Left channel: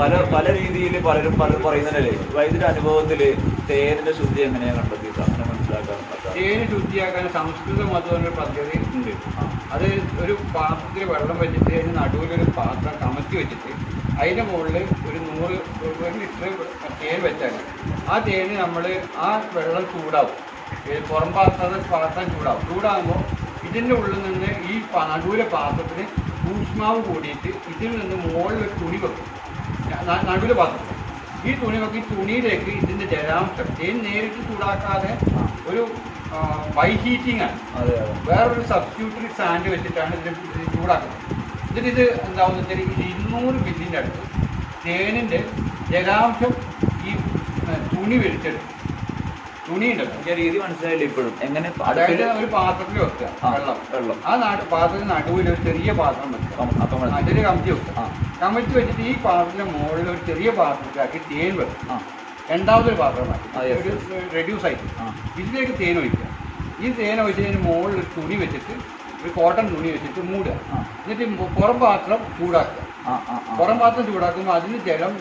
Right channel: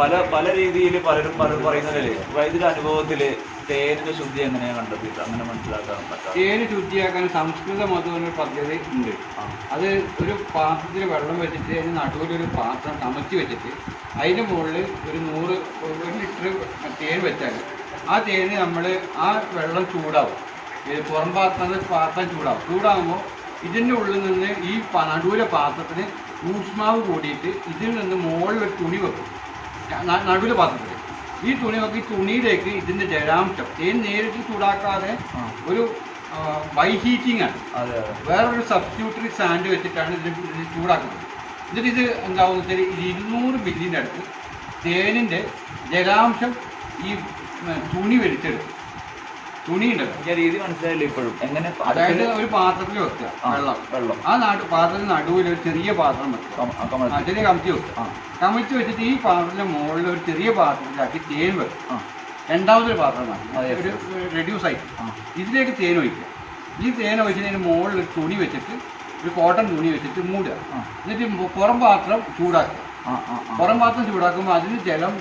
പല പല രീതിയിൽ പലരും പറയുന്നതല്ലേ വൈദ്യുതി അനുഭവത്തില് തേനിന്റെ ശുദ്ധി എങ്ങനെയാണ് കണ്ടെത്തിയിട്ട് അങ്ങനെ മനസ്സിലാക്കാൻ പറ്റാം? തേന് ശുദ്ധിയാക്കാൻ സംസ്കൃത മധു എന്നൊരു പദ്ധതി ഉണ്ട്. അത് ഒരു പാത്രത്തിൽ വെള്ളം വെച്ചിട്ട് അതിന് നടുവിലൊരു പാത്രം കമത്തി വെച്ചിട്ട് അതിൻ്റെ മുകളിൽ ഒരു 100 ലിറ്റർ തേൻ വെച്ചാൽ ആ തേന് നമ്മൾ ആ വെള്ളം ചൂടാവും. പുറം പാത്രം ചൂടാകുമ്പോൾ ഇതിൻ്റെ ഉള്ളിൽ നിന്ന് ഈ നടുവിലെ പാത്രത്തിന് ഊഷ്മാവ് കൂടിയിട്ട് ഇതിൽ നിന്ന് മുകളിൽ ഒരു തുണി വെക്കും. നടുവിലെ പാത്രത്തിൽ ഈ തുണി വെക്കും. ഈ തുണിയിലേക്ക് ഇതിൻ്റെ ജലാംശം തേൻ നേരിട്ട് ചൂടാക്കാതെ ഒരു ബൈഹീറ്റിംഗ് ആണ്. വേറൊരു സബ്സ്റ്റിറ്റ്യൂട്ടറി സാൻഡ് വെച്ചിട്ടാണ് ഇതിന് ചൂടാക്കുന്നത്. എന്നിട്ട് എന്താണെന്ന് വെച്ചാൽ 200 മില്ലിൻ്റെ അടുത്ത് തേനിൻ്റെ ജലാംശം ഈ തുണി വലിച്ചെടുക്കും. തുണി ഉണ്ടല്ലോ, രീതി മനസ്സിലായില്ല ഇപ്പോഴും. എങ്ങനെ? അതായത് ഒരു പാത്രത്തിൽ വെക്കുക വെള്ളം ആ പാത്രത്തിന് നടുവിൽ ഒരു ചെറിയ പാത്രം വെക്കുക, അതിൽ കമത്തി വെക്കുക. കമത്തി വെച്ചിട്ട് ഈ പാത്രത്തിന്റെ മുകളിൽ ഒരു ചെറിയ പാത്രത്തിലാക്കി തേൻ വെക്കുക. രണ്ടാമതൊരു പാത്രം മാറ്റി ഒരു റെഡ്യൂസ് ആയിട്ട് ഇതിലേക്ക് തേൻ ഒഴിക്കുക. ഈ തേൻ ഒഴിച്ചതിന് മുകളിൽ ഒരു തുണി വെച്ചിട്ട് ഒരു കോട്ടൺ തുണി വെച്ചിട്ട് മൂടുക. എന്നിട്ട് പുറം പാത്രം ചൂടാക്കുക. പുറം പാത്രം ചൂടാക്കുമ്പോൾ അതിന് ജലം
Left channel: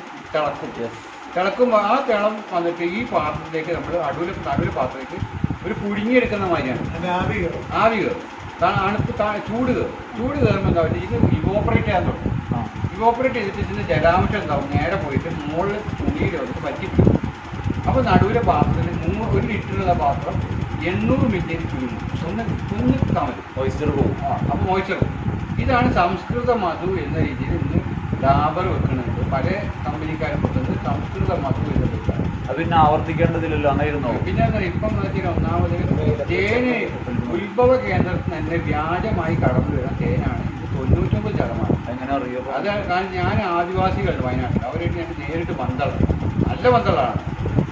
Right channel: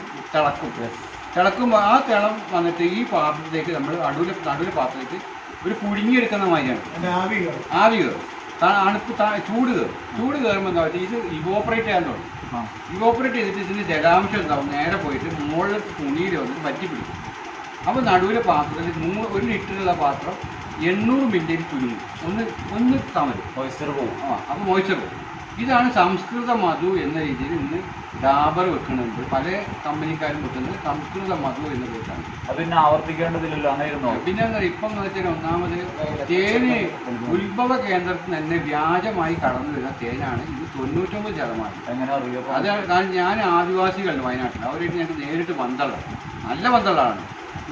തിളക്കുമ്പോൾ ആ തിളം വന്നിട്ട് ഈ പാത്രത്തിലേക്ക് നമ്മൾ നടുവിലെ പാത്രത്തിലേക്ക് ഒരു പുഴുങ്ങിയെടുക്കുന്ന മാതിരിയാണ് ആവി കയറും. അണുപ്പ് ചൂട് കയറുമ്പോൾ എന്താ പറയുക, ഇത് ഇവോപ്പറേറ്റ് ചെയ്യാൻ തുടങ്ങും. ഇവോപ്പറേറ്റ് ചെയ്തിട്ട് ഇതിൻ്റെ ജലാംശം ഉണ്ടാവും നേരെ പോയിട്ട് മുകളിൽ തുണിയിൽ വന്നിട്ട് പറ്റി പിടിക്കും. അപ്പോൾ നടുവിലെ പാത്രത്തിൽ 1 ലിറ്ററുള്ള പാത്രം 800 മില്ലിയിൽ ചുരുങ്ങും. ഒന്ന് താമസം മോയ്സ്ചർ പോകും. അപ്പോൾ മോയ്സ്ചർ പോകും. ഇതാണ് സംസ്കൃത മധു എന്ന രീതിയിൽ ഇന്ന് ഡാബർ വെക്കുന്നുണ്ട്. പല കമ്പനിക്കാരും വെക്കുന്നത് സംസ്കൃത മധു എന്ന പേരാണ്. അത് പിന്നെ ആവർത്തിക്കേണ്ടതില്ലല്ലോ, അങ്ങനെയിരുന്നോ? പിന്നെ ഇപ്പം എന്ന് വെച്ചാൽ ഒന്നാമത് തേന് ഉത്ഭവ കേന്ദ്രത്തിൽ തന്നെ വ്യാജമായി കടന്നു വരുന്ന തേനാണ് ഇത് 99%. എങ്ങനെ അറിയാം? അത് കാരണം ഞാൻ ആദിവാസികളുണ്ട് വയനാട്ടിൽ, അവരായിട്ട് ഞാൻ നേരിട്ട് ബന്ധമുള്ള നല്ല ബന്ധമുള്ളതാണ്.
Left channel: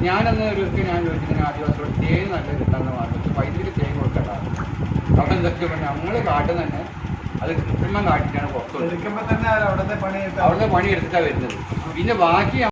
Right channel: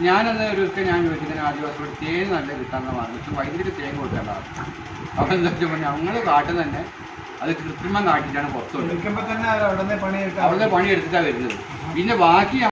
ഞാനെന്ന് ഒരു ദിവസം ഞാൻ ചോദിച്ചിങ്ങനെ ആദിവാസിയോട് തേൻ നല്ല കിട്ടാന്ന് പറഞ്ഞിട്ട് വൈദ്യുതി തേൻ കൊടുക്കേണ്ടതാണ്. അപ്പം എന്താ വെച്ചാൽ ഞങ്ങൾ കാട്ടിൽ തന്നെ അത് കൃത്രിമം കാട്ടിയിട്ടാണ് പുറത്തു വരുന്നത്. അവിടെ പണിയെടുത്തിട്ടാണ് വരുന്നത്. പിന്നെ ബാക്കി